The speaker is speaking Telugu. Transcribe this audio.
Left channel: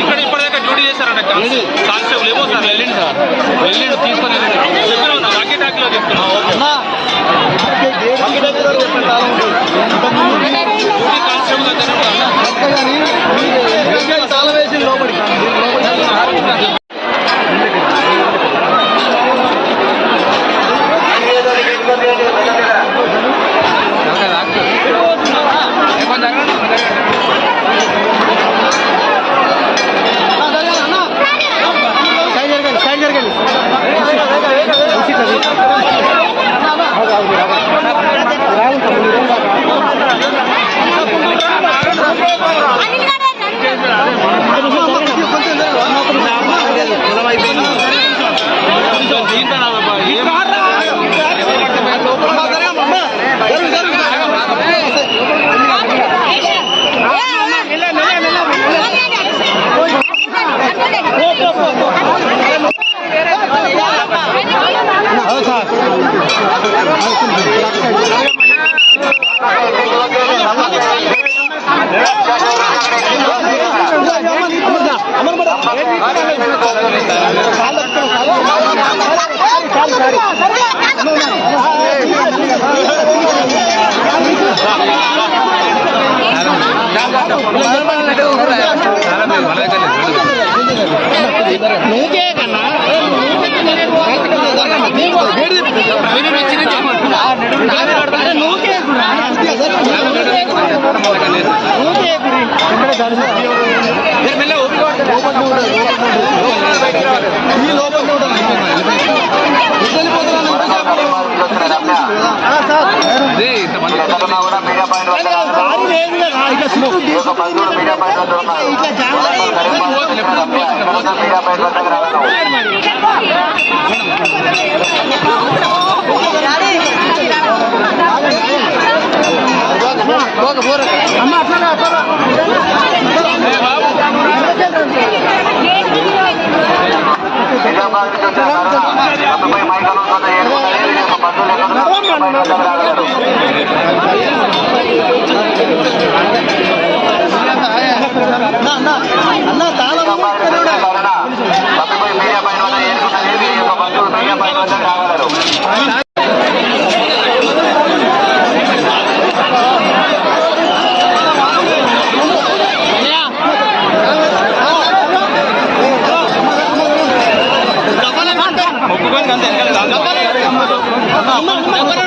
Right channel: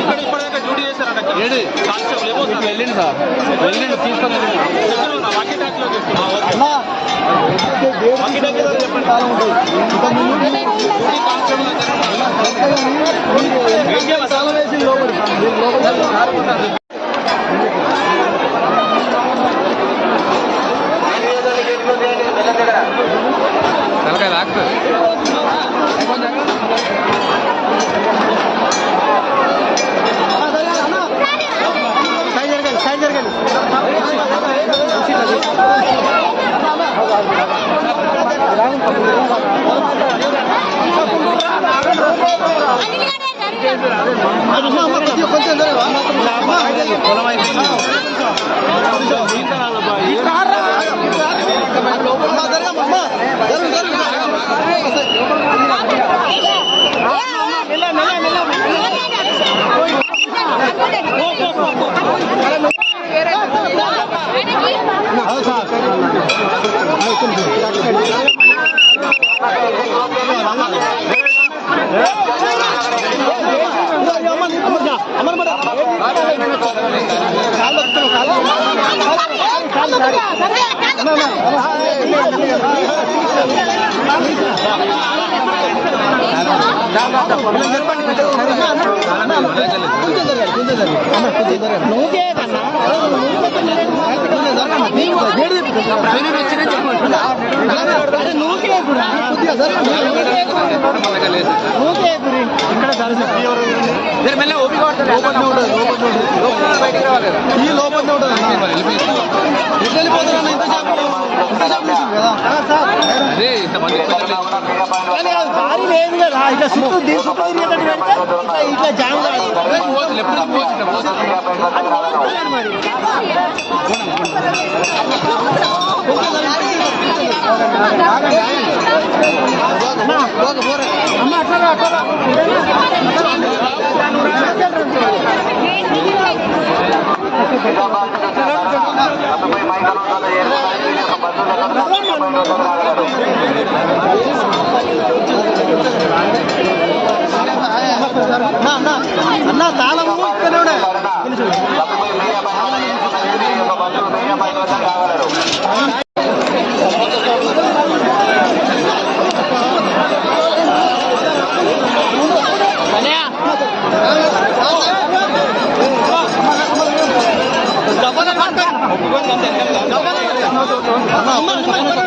ఇక్కడ ఇప్పటిదాకా డ్యూటీ చేశారంట కానిస్టేబుల్ ఏమో సార్ వెళ్ళింది సార్ వెళ్ళిండు తీసుకొని వెళ్ళిండు చెప్పిన ఉన్నా వాకీ చెప్తున్నా అమర్ మీడియా పాయింట్ వద్ద రాగలరు. ఈ యొక్క బంధువులు మీడియా పాయింట్ వద్ద ఉన్నారు. వరంగల్ కరీంనగర్ ఎవరు మీడియా పాయింట్ వద్దకు రాగలరు. మీడియా అన్న తాళం మీడియా పాయింట్ మీడియా పాయింట్ వద్ద ఏర్పడాలి. 你慢点慢点